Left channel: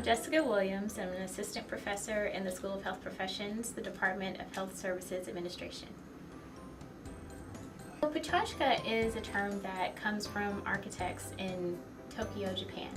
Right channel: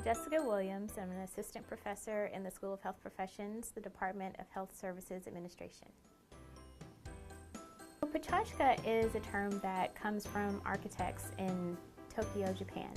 I'm Jessica Williams. I'm an assistant professor in the School of Health Professions, the Department of Health Services Administration. PechaKucha is a term that comes from architects in Tokyo, Japan,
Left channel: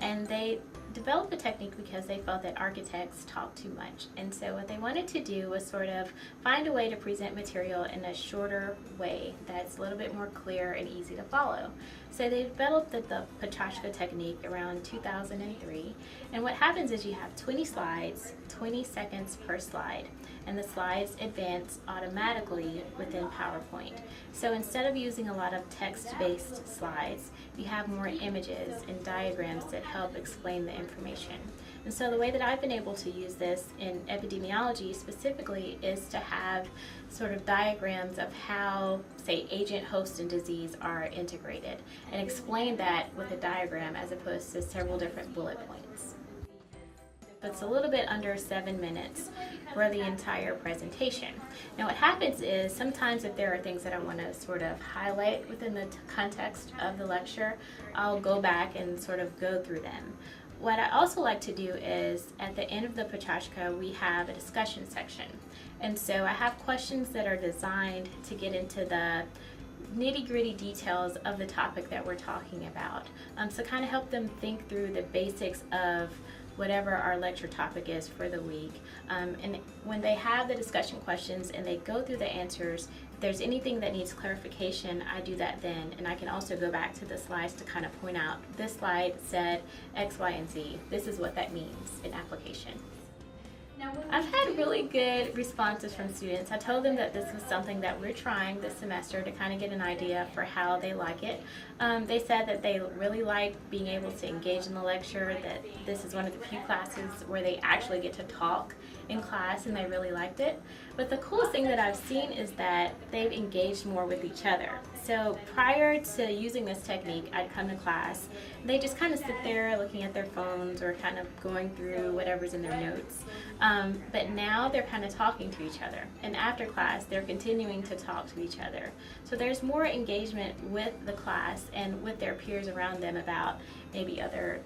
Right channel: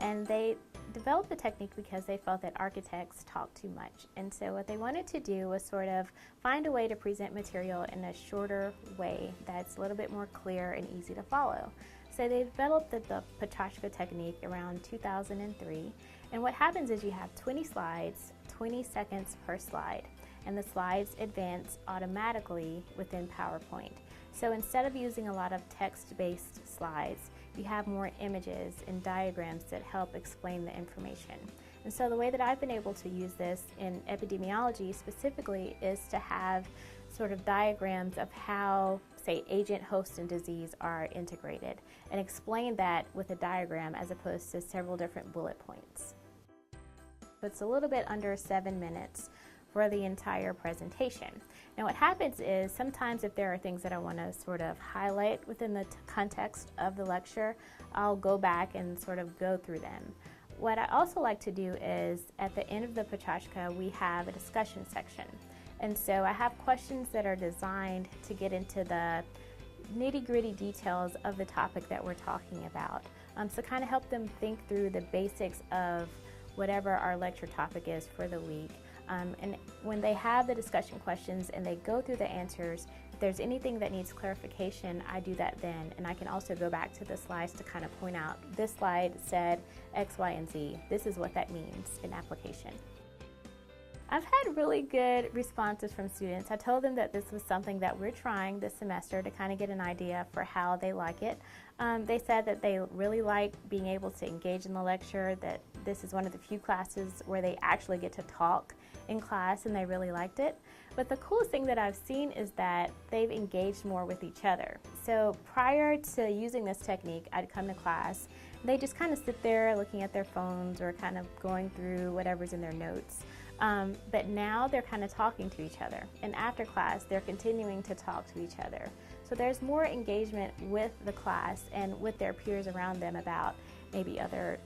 and they developed the technique because they felt that architects talk too much. And so what they wanted to do was sort of find a way to present material in a shorter way that's a little bit more clear and easy to follow. So they developed the PechaKucha technique around 2003, and what happens is you have 20 slides, 20 seconds per slide, and the slides advance automatically within PowerPoint. So instead of using a lot of text-based slides, you have more images and diagrams that help explain the information. And so the way that I've been able to use this in epidemiology specifically is to have sort of diagrams of how, say, agent, host, and disease are integrated, and explain that with a diagram as opposed to several different bullet points. It's a little bit under 7 minutes for the entire presentation. Now what happens is sometimes if there are things that I want to sort of highlight within the context of the lecture, I'll go back and sort of go through them. What I also like to do is at the end of the PechaKucha we have a discussion section. And so I have questions that are designed to get into the nitty-gritty details of the topic that we're talking about. So kind of help them think through the basics of whatever our lecture topic is for the week. And when they have the discussion questions and they go through the answers, if there's anything that needs clarification, I do that then. And I can also go back to the slides to kind of point out, this slide said X, Y, and Z. This is what that means in application. I've had really good responses from students. I told them that this was something that we're trying this semester to kind of get an idea for how they like it. They said that they really like being able to engage in the lecture, that this is one of the few classes where they actually get to talk in class, and they really liked it. But the coolest thing that I've seen is that they've engaged more with each other. So prior to using this technique, I'd come to class, and they just kind of sit there looking at their phones or kind of going through whatever's in their notes. But now they're kind of talking to each other, and after class they're continuing to talk to each other. So there's more engagement with the class and with their peers around them about maybe other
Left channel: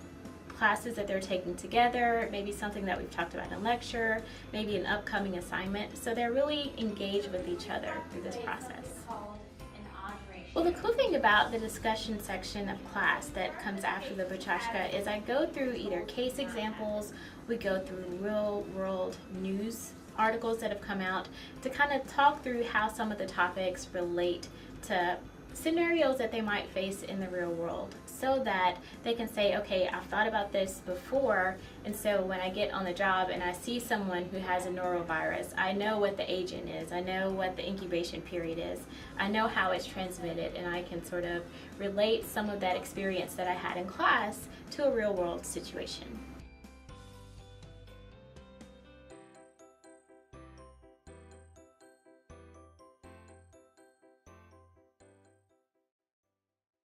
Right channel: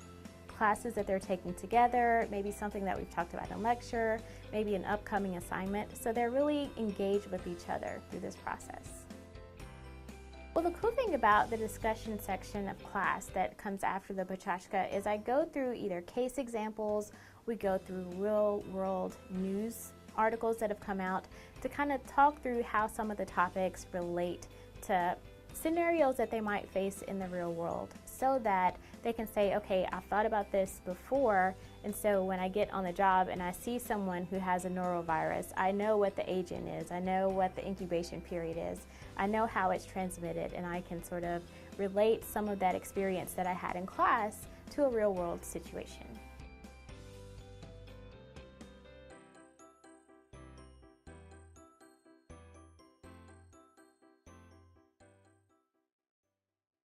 classes that they're taking together, maybe something that we've talked about in a lecture, maybe an upcoming assignment. So they're really engaged with each other through this process. Well, the cool thing about the discussion section of class that comes after the PechaKucha is I go through either case examples, we go through real world news articles that have come out to kind of talk through how some of the topics relate to scenarios that they might face in the real world, so that they can say, okay, I've thought about this before, and so when I get on the job and I see someone who has a norovirus, I know what the agent is, I know what the incubation period is, I know how it's transmitted, and I can sort of relate some of that experience that I had in class to a real world situation.